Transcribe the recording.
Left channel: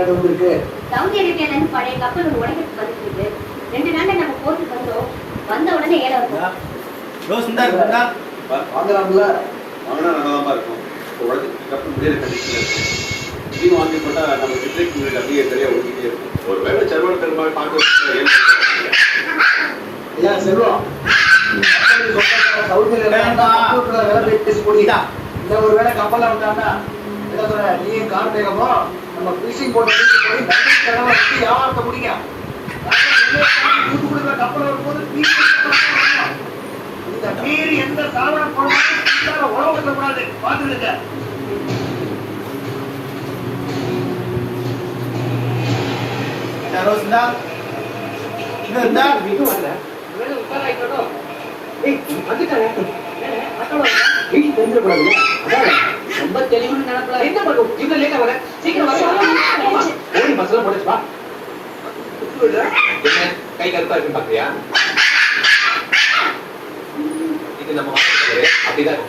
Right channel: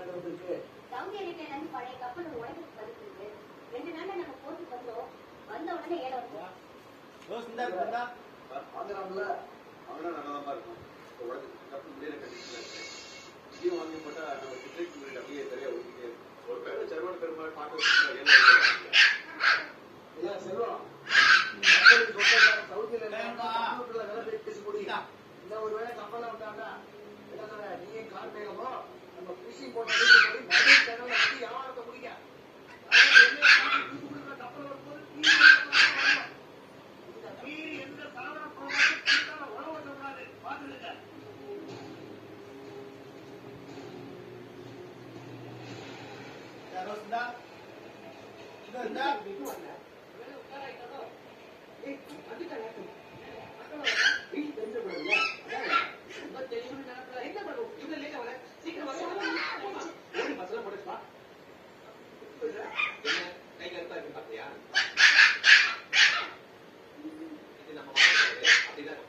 இருக்கு சவுதி அரேபியால இருந்து பழைய கப்பல் உடைக்கிறதுக்கு வந்துருக்கு. 2 நாள்ல நம்ம போர்ட்டுக்கு வந்தோம். வந்த உடனே ஏல வந்தோம். ரோஸ் இருந்தா வாங்கலாம்ல? வாங்கினா நல்லா இருக்கும். உடனே கப்பல் முடியாத கண்டிஷன்ல இருக்கும். இது வாங்கி போட்டா நம்ம டிஸ்ட்ரிக்ட் யூனிட் அப்படியே சரியா ஓடிக்கிட்டே இருக்கும். ஒருவேளை சர்வர் பெருமாள் பார்க்க ஐயா செல்வம், சவுதியில பேசி போட்டீங்க. இந்த ஒரு வேளை கப்பல்ல வந்தாங்கன்னா என்ன சொல்ற, நீ கார்த்தேகமோ நம்ம ஃபிஷிங் போட்டு போய் நன்றி கடலை வச்சு வியாபாரத்தை முடிங்க. கப்பல் வரும்போது இந்த மீறி எந்த சாதாரண பொருளும் உழவு கூடாது. பார்த்துருக்க ரோஸ் இருந்தா இது வரல ரொம்ப தெளிவான நினைப்பல. என்ன பண்ணும் இவ்வளவு லேட்டா வர? சீக்கிரம் வர. ஓடி பஸ்ல போடுச்சு வா. என்ன கை கருப்பா இருக்கு பாத்தியா? இது நம்ம அப்படிதான்